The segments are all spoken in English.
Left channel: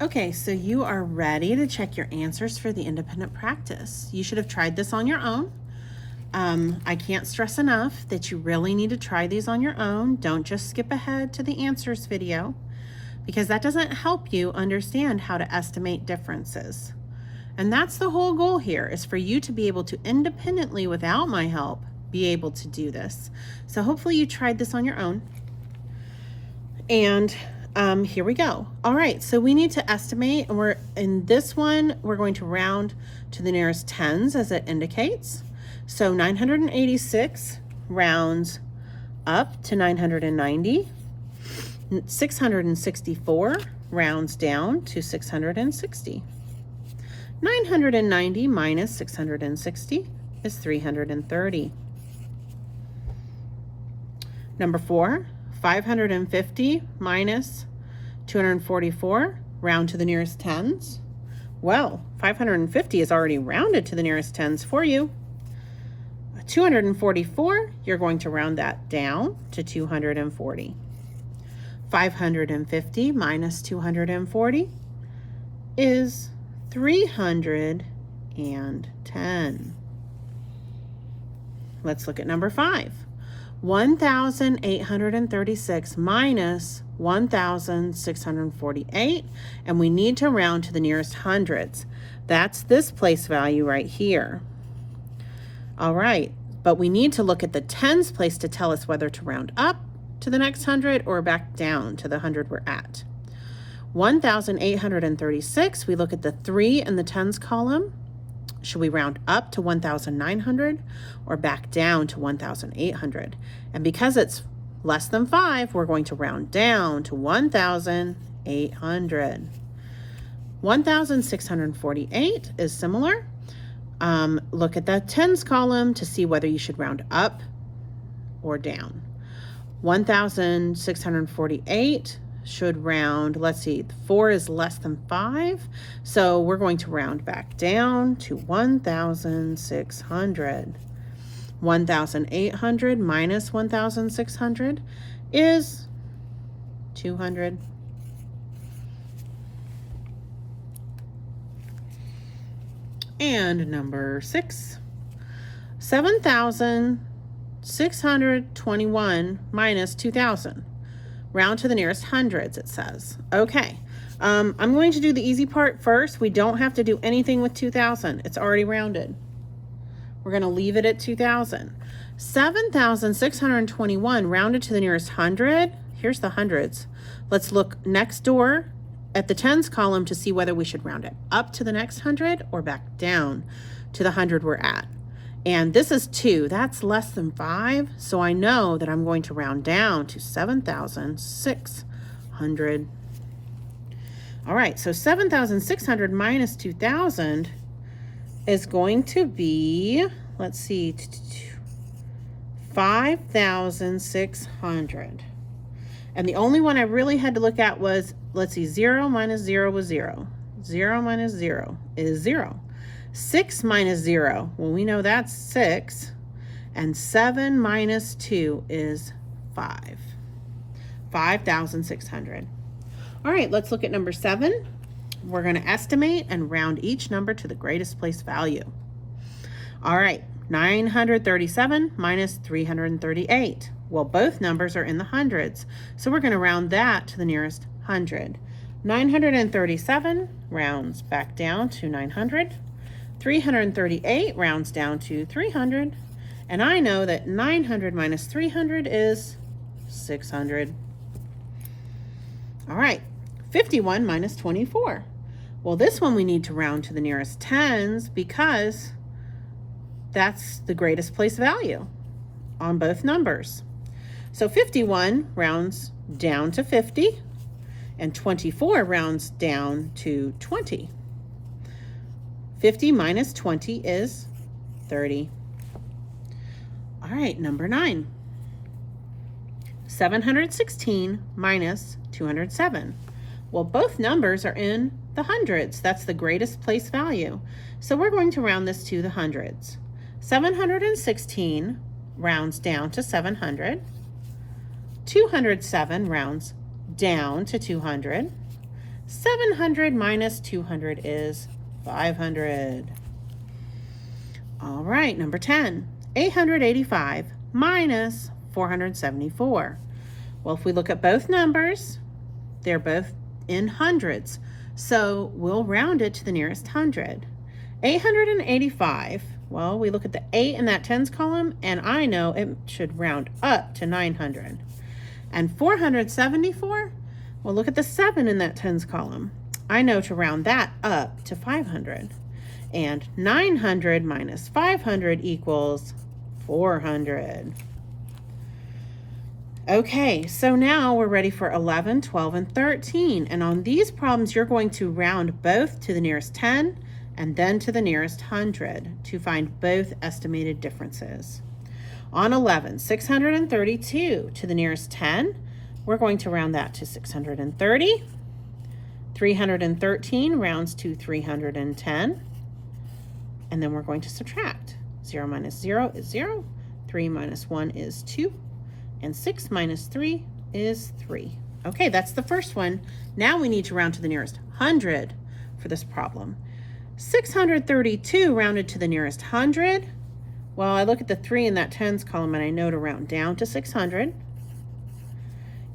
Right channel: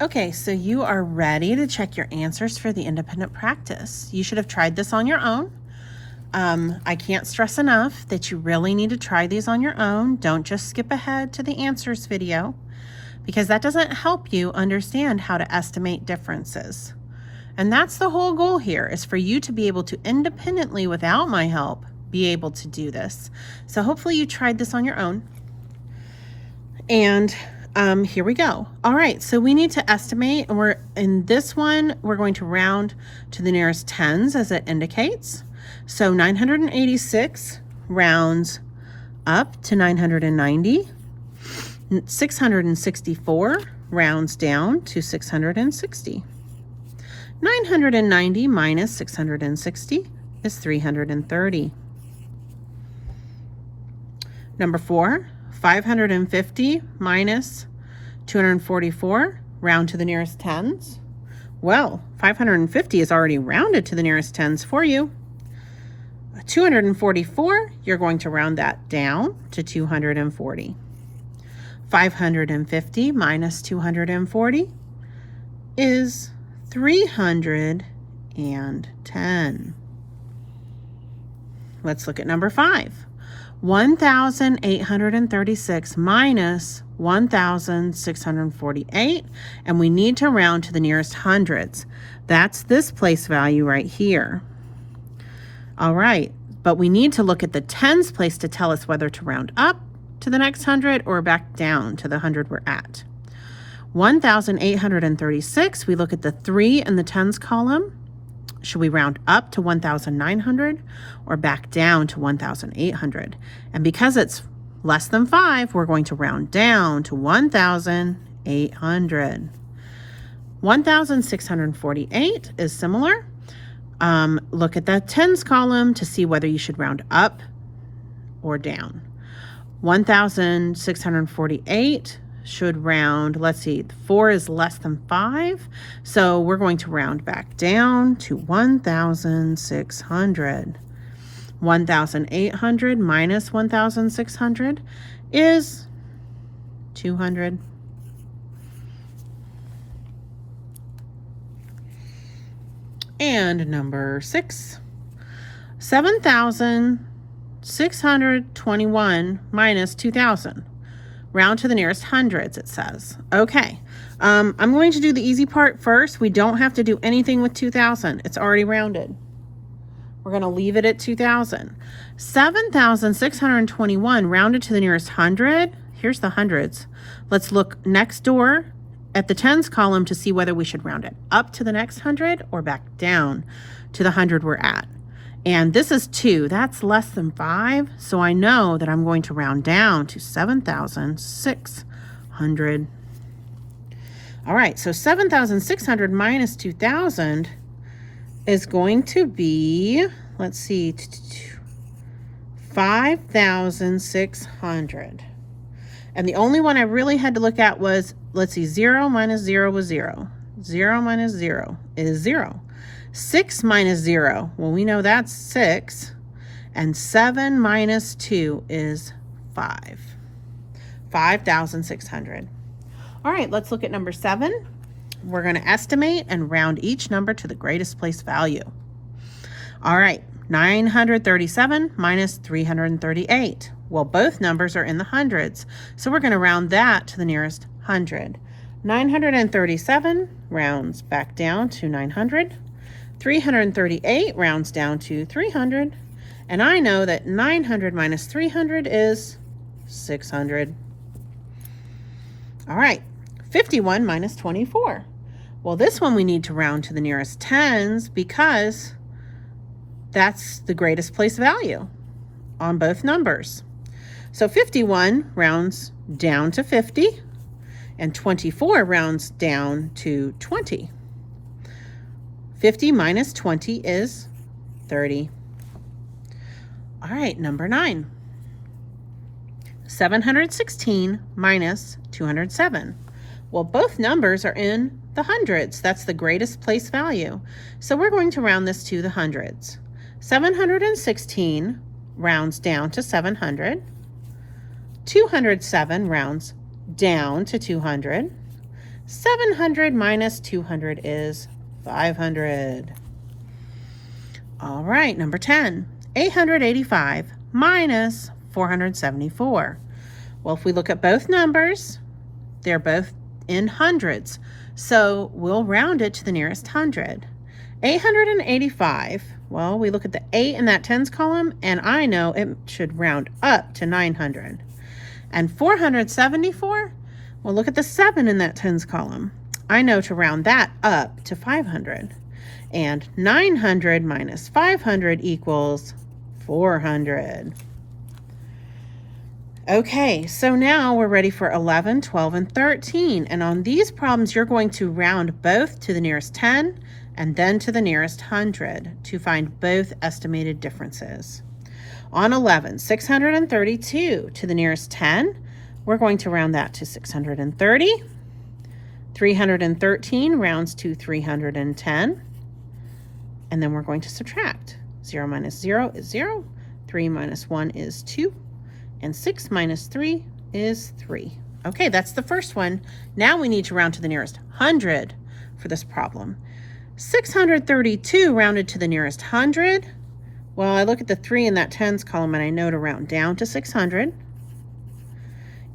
Okay, so you are ready to check your answers for the independent practice. You should have tried this on your own. I can't stress enough that you really need to try these on your own. Don't just skip ahead to the answers video, because that doesn't help you understand how to estimate differences. And that's the whole goal here, is for you to be able to independently, without my help, be able to do this. So hopefully you tried this on your own. And here we go. All right, so we need to estimate, and in this one, we're going to round to the nearest tens as it indicates. So 986 rounds up to 990. 664 rounds down to 660. 990 minus 660 is 330. Number 4, 550 minus 244, round to the nearest tens. Well, 550 is already rounded to the nearest tens for you. 244, you're going to round that down to 240. 550 minus 240 is 310. Let's look at number 5. 1,836 minus 1,648, and we need to round to the nearest hundreds. That's this place value right here. All right, but we need to look at the tens place to tell us whether to round up to the next 100 or back down to the 100 we're at. 1,836, we look at the 3 in the tens column. Should we round up to 1,900 or back down to 1,800? And because it's less than 5, we're going to round down to 1,800. 1,648 is similar. Look at that tens column to see whether you should round up or down. 1,648 should round, let's see, 4 is less than 5, so we're going to round back down to 1,600. 1,800 minus 1,600 is 200. And number 6, 7,621 minus 2,000. Round to the nearest hundreds, it says. Okay, I'm going to do the easy part first. We don't have to do anything with 2,000. It's already rounded. We're going to leave it at 2,000. 7,621 rounded to the nearest hundred. Here's the hundreds. Let's look next door at the tens column to see whether we should round it up to the next 100 or back down to the 100 we're at. And this is 2, that's less than 5, so I know that I'm going to round down to 7,600. All right, so 7,600 minus 2,000 is going to be, let's see, 5,600. And the only one I really had to look at was, let's see, 0 minus 0 was 0. 0 minus 0 is 0. 6 minus 0, well, we know that's 6. And 7 minus 2 is 5. 5,600. All right, let's look at number 7. We're going to estimate and round each number to the greatest place value. All right, 937 minus 338. Well, both numbers are in the hundreds, so we're going to round that to the nearest 100. 937 rounds back down to 900. 338 rounds down to 300. And I know that 900 minus 300 is 600. All right, 51 minus 24. Well, this one we need to round to the nearest tens because that's the greatest place value on both numbers. So 51 rounds down to 50, and 24 rounds down to 20. 50 minus 20 is 30. All right, number 9. 716 minus 207. Well, both numbers are in the hundreds. That's the greatest place value. So we're going to round this to the hundreds. 716 rounds down to 700. 207 rounds down to 200. 700 minus 200 is 500. All right, number 10. 885 minus 474. Well, if we look at both numbers, they're both in hundreds. So we'll round it to the nearest hundred. 885, well, we look at the 8 in that tens column, and I know it should round up to 900. And 474, well, look at the 7 in that tens column. I know to round that up to 500. And 900 minus 500 equals 400. Okay, so now we're ready for 11, 12, and 13. And on these problems, you're going to round both to the nearest 10 and then to the nearest 100 to find both estimated differences. On 11, 632 to the nearest 10, we're going to round that to 630. 313 rounds to 310. And then we're going to subtract. 0 minus 0 is 0. 3 minus 1 is 2. And 6 minus 3 is 3. Okay, that's the first one. Now we need to round to the nearest 100 for this problem. 632 rounded to the nearest 100. Well, I look at the 3 in that tens column and I know to round down to 600.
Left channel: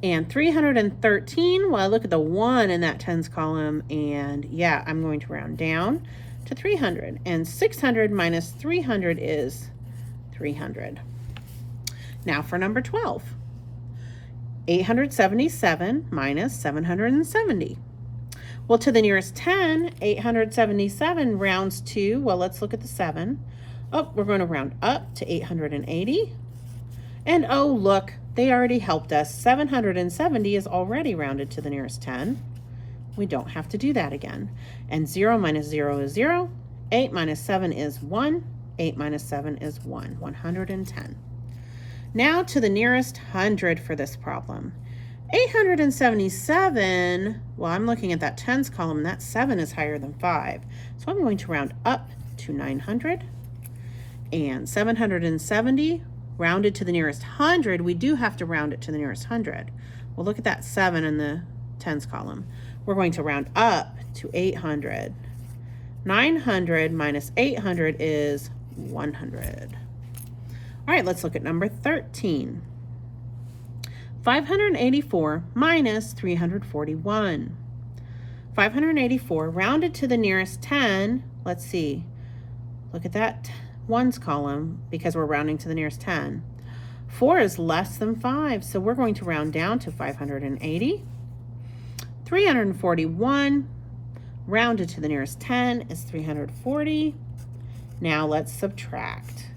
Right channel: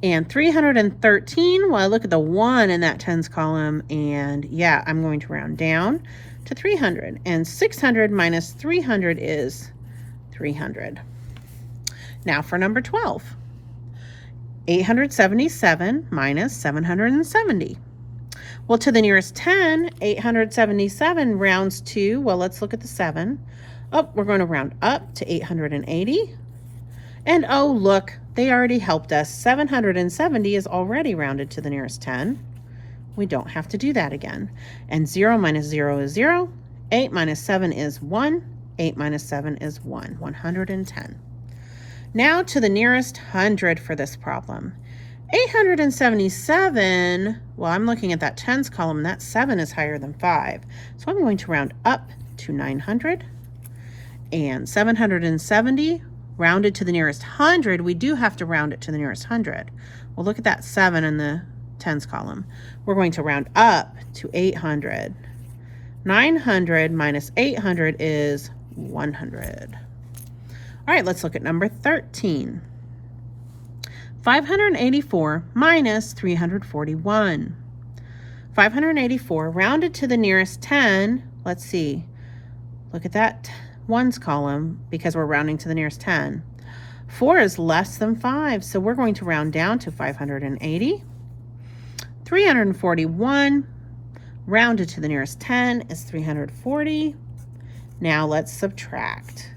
And 313, well, I look at the 1 in that tens column and yeah, I'm going to round down to 300. And 600 minus 300 is 300. Now for number 12. 877 minus 770. Well, to the nearest 10, 877 rounds to, well, let's look at the 7. Oh, we're going to round up to 880. And oh, look, they already helped us. 770 is already rounded to the nearest 10. We don't have to do that again. And 0 minus 0 is 0. 8 minus 7 is 1. 8 minus 7 is 1. 110. Now to the nearest 100 for this problem. 877, well, I'm looking at that tens column, and that 7 is higher than 5. So I'm going to round up to 900. And 770, rounded to the nearest 100, we do have to round it to the nearest 100. Well, look at that 7 in the tens column. We're going to round up to 800. 900 minus 800 is 100. All right, let's look at number 13. 584 minus 341. 584 rounded to the nearest 10. Let's see. Look at that ones column because we're rounding to the nearest 10. 4 is less than 5, so we're going to round down to 580. 341 rounded to the nearest 10 is 340. Now let's subtract.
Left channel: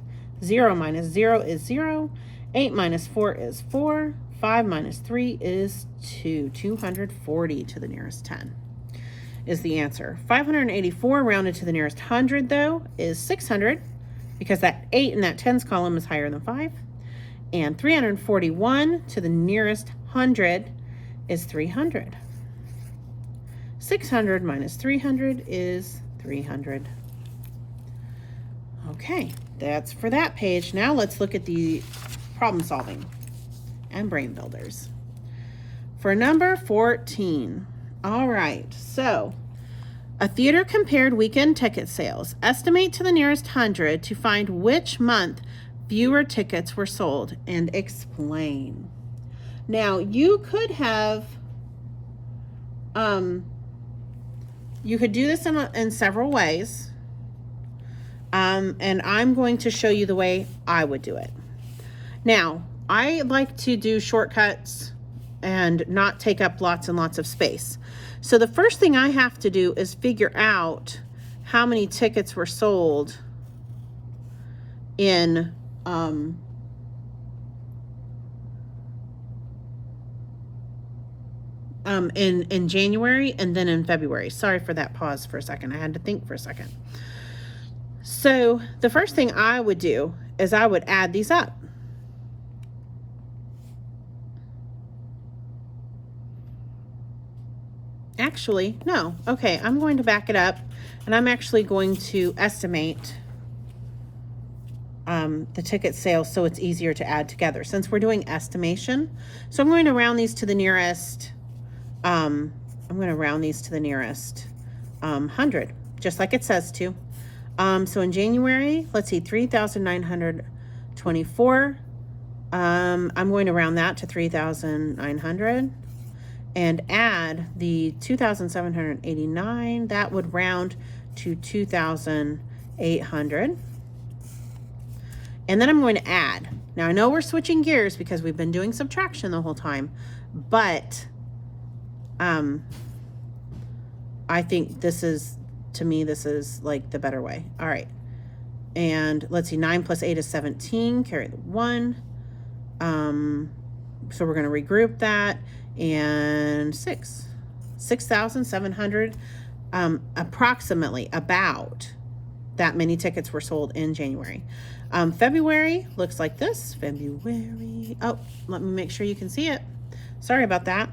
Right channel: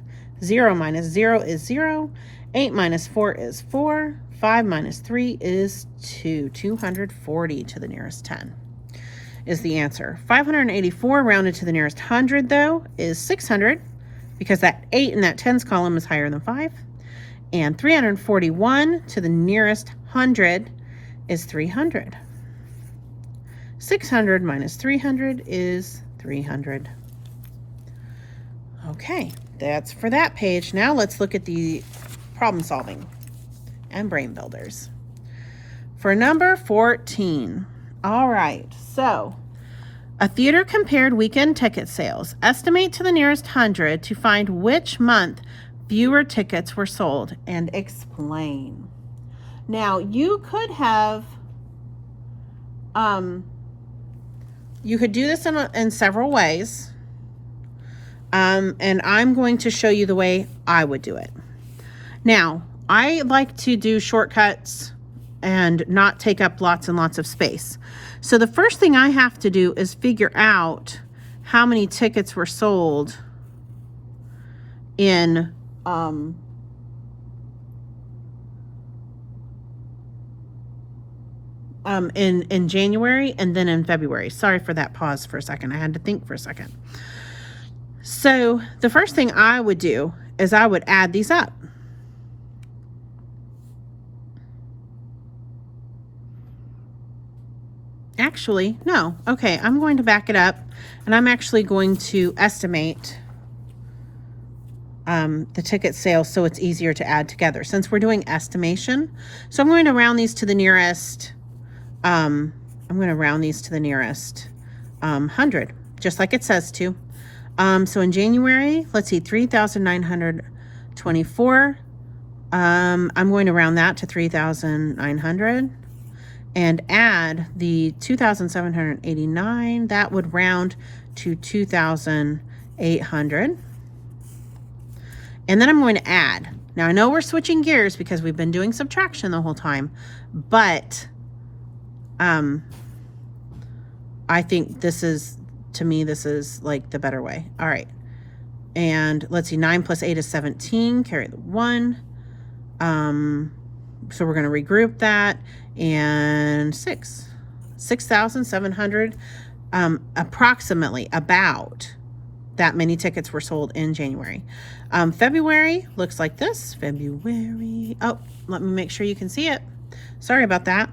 0 minus 0 is 0. 8 minus 4 is 4. 5 minus 3 is 2. 240 to the nearest 10 is the answer. 584 rounded to the nearest 100, though, is 600 because that 8 in that tens column is higher than 5. And 341 to the nearest 100 is 300. 600 minus 300 is 300. Okay, that's for that page. Now let's look at the problem solving and brain builders. For number 14, all right, so a theater compared weekend ticket sales. Estimate to the nearest 100 to find which month fewer tickets were sold and explain. Now you could have, you could do this in several ways. And I'm going to show you the way I would do it. Now, I like to do shortcuts and not take up lots and lots of space. So the first thing I have to do is figure out how many tickets were sold in January and then in February. Sorry for that pause for a second. I had to think for a second. So the first thing I would do is I would add these up. Actually, no. Okay, I'm going to back it up and I'm actually going to estimate the ticket sales so it's easier to add together since we're doing estimation. So I'm going to round these to the nearest I'm going to round these to the nearest 100, just like it says to. So in January, let's see, 3,924. I'm going to round that to 3,900 and add the 2,789. That would round to 2,800. And then I'm going to add. Now I know we're switching gears because we've been doing subtraction the whole time, but I think this is, to me, this is like the better way. All right. And let's see, 9 plus 8 is 17, carry the 1. So we're going to regroup that, and 6,700, approximately, about that many tickets were sold in January. February looks like this. February, oh, let me make sure you can see it. Sorry about that.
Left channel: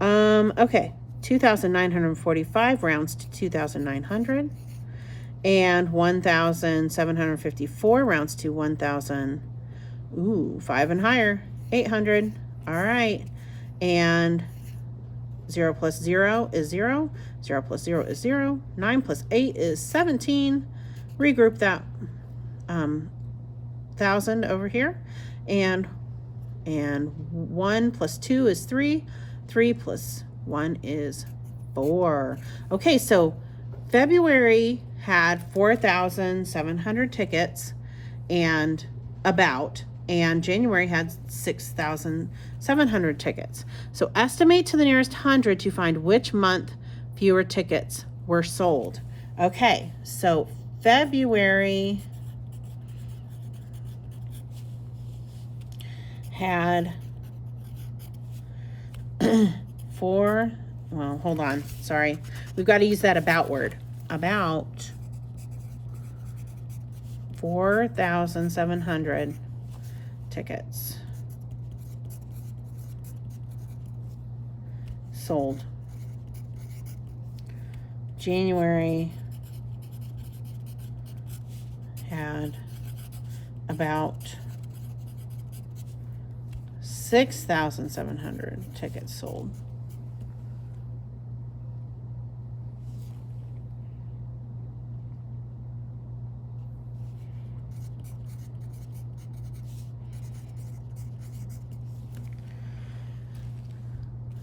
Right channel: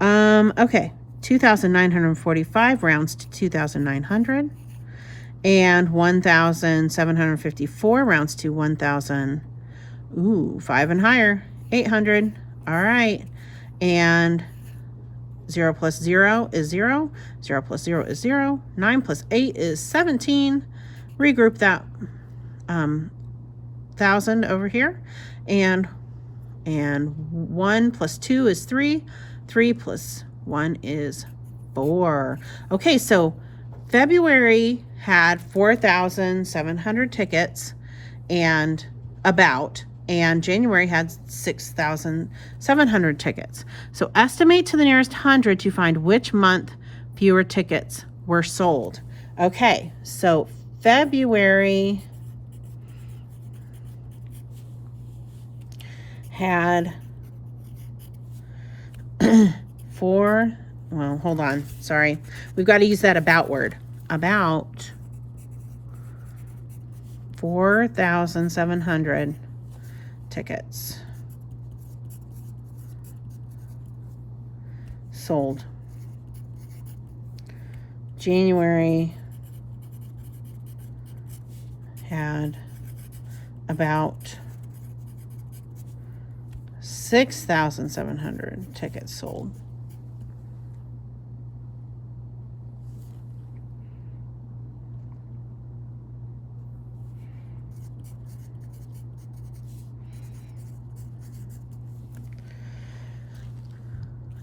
Okay, 2,945 rounds to 2,900, and 1,754 rounds to 1,000. Ooh, 5 and higher, 800. All right, and 0 plus 0 is 0. 0 plus 0 is 0. 9 plus 8 is 17. Regroup that 1,000 over here, and 1 plus 2 is 3. 3 plus 1 is 4. Okay, so February had 4,700 tickets, and January had 6,700 tickets. So estimate to the nearest 100 to find which month fewer tickets were sold. Okay, so February had well, hold on, sorry. We've got to use that about word. About 4,700 tickets sold. January had about 6,700 tickets sold.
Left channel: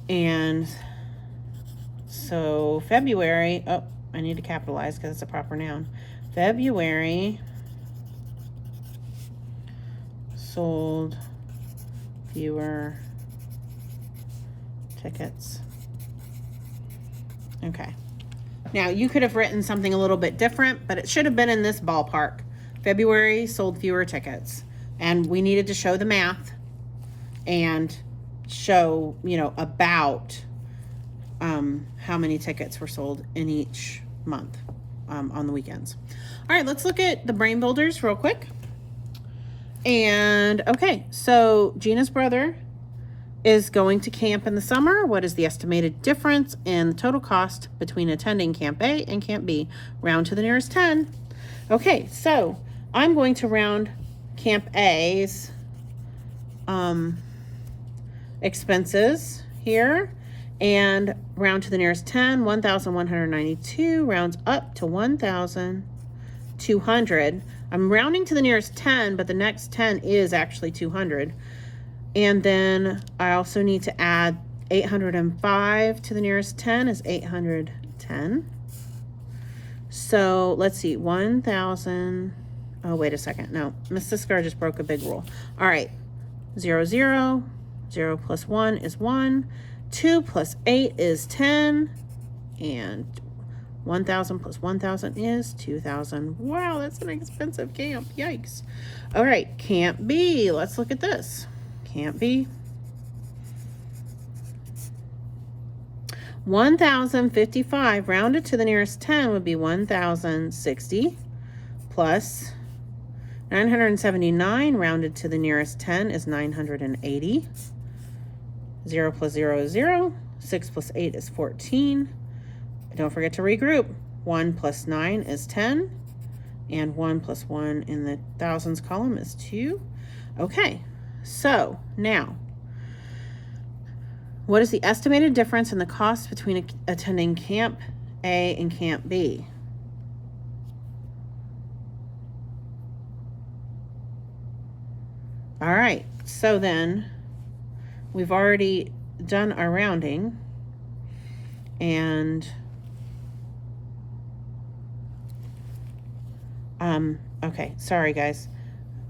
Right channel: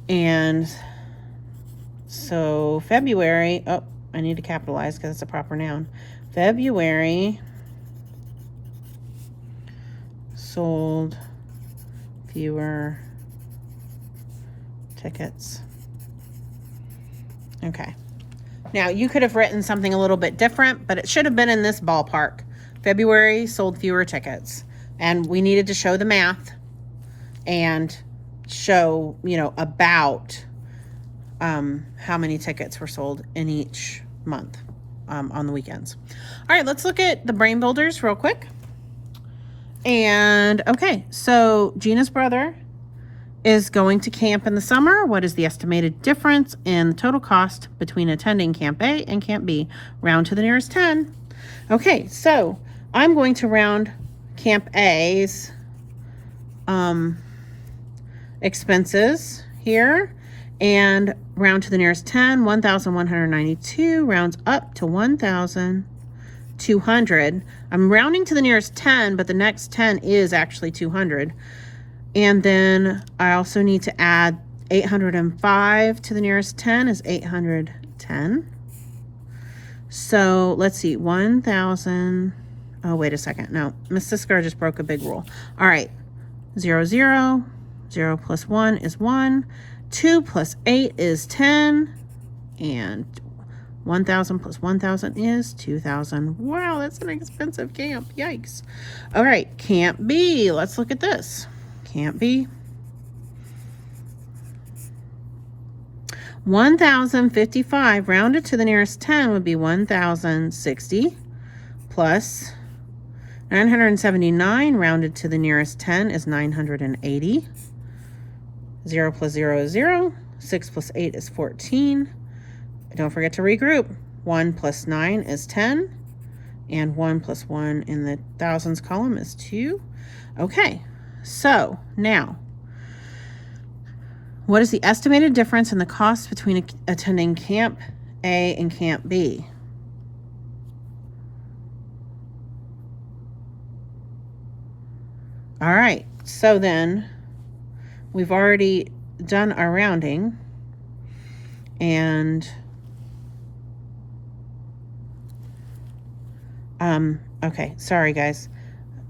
And so February, oh, I need to capitalize because it's a proper noun. February sold fewer tickets. Okay. Now you could have written something a little bit different, but it should have been in this ballpark. February sold fewer tickets, and we needed to show the math and show, about how many tickets were sold in each month on the weekends. All right, let's look at the brain builders real quick. And okay, so Gina's brother is going to camp in the summer. What is the estimated difference in the total cost between attending Camp A and Camp B? Round to the nearest 10. Okay, so I'm going to round Camp A's expenses here and round to the nearest 10. 1,192 rounds up to 1,200. I'm rounding to the nearest 10, but the next 10 is actually 200. And then I also need to add 805 to the nearest 10 is 810. So let's see, 1,000. Oh, wait a second. No, Miss Sisker just broke a big rule. All right, 0, 0. 0 plus 1 is 1. 2 plus 8 is 10. And 1,000 plus 1,000 is 2,000. Wow, that's an expensive camp. Yikes. All right, Camp B. Let's look at this. Camp B. 1,055 rounded to the nearest 10 would be 1,060 plus 979 rounded to the nearest 10 is 980. 0 plus 0 is 0. 6 plus 8 is 14. Don't forget to regroup. 1 plus 9 is 10. And 1 plus 1 in the thousands column is 2. Okay, so now What is the estimated difference in the cost between attending Camp A and Camp B? All right, so then we've already done our rounding, and okay, sorry guys,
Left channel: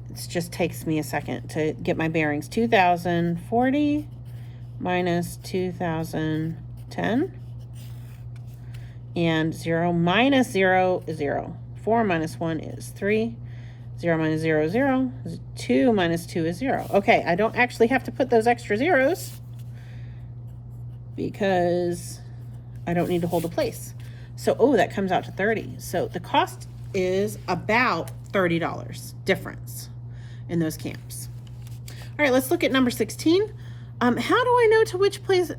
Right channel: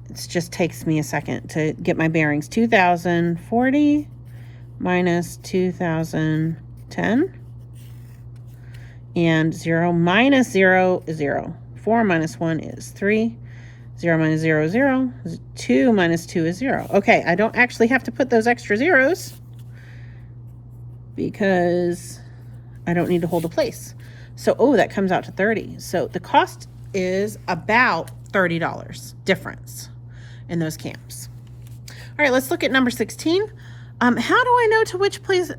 it just takes me a second to get my bearings. 2040 minus 2010, and 0 minus 0 is 0. 4 minus 1 is 3. 0 minus 0 is 0. 2 minus 2 is 0. Okay, I don't actually have to put those extra zeros because I don't need to hold a place. So, oh, that comes out to 30. So the cost is about $30 difference in those camps. All right, let's look at number 16. How do I know to which place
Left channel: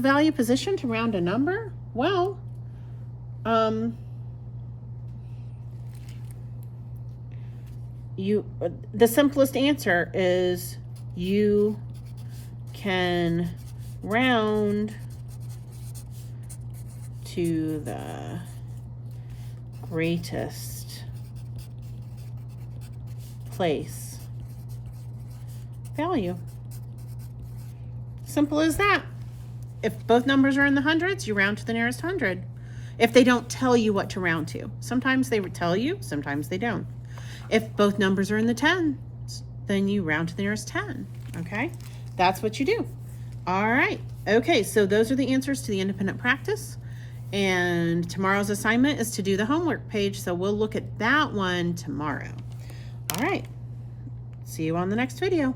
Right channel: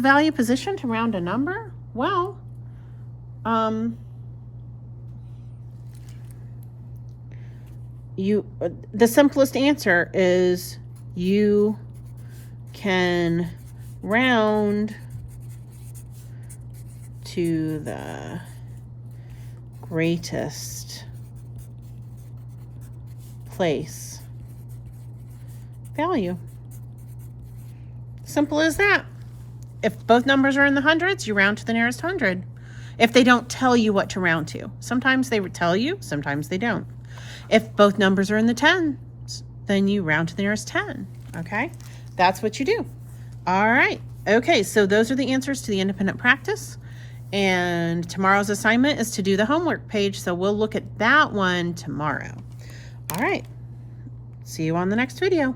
value position to round a number? Well, the simplest answer is you can round to the greatest place value. Simple as that. If both numbers are in the hundreds, you round to the nearest hundred. If they don't tell you what to round to. Sometimes they tell you, sometimes they don't. If both numbers are in the tens, then you round to the nearest 10, okay? That's what you do. All right, okay, so those are the answers to the independent practice. And tomorrow's assignment is to do the homework page, so we'll look at that one tomorrow. All right, see you on the next video.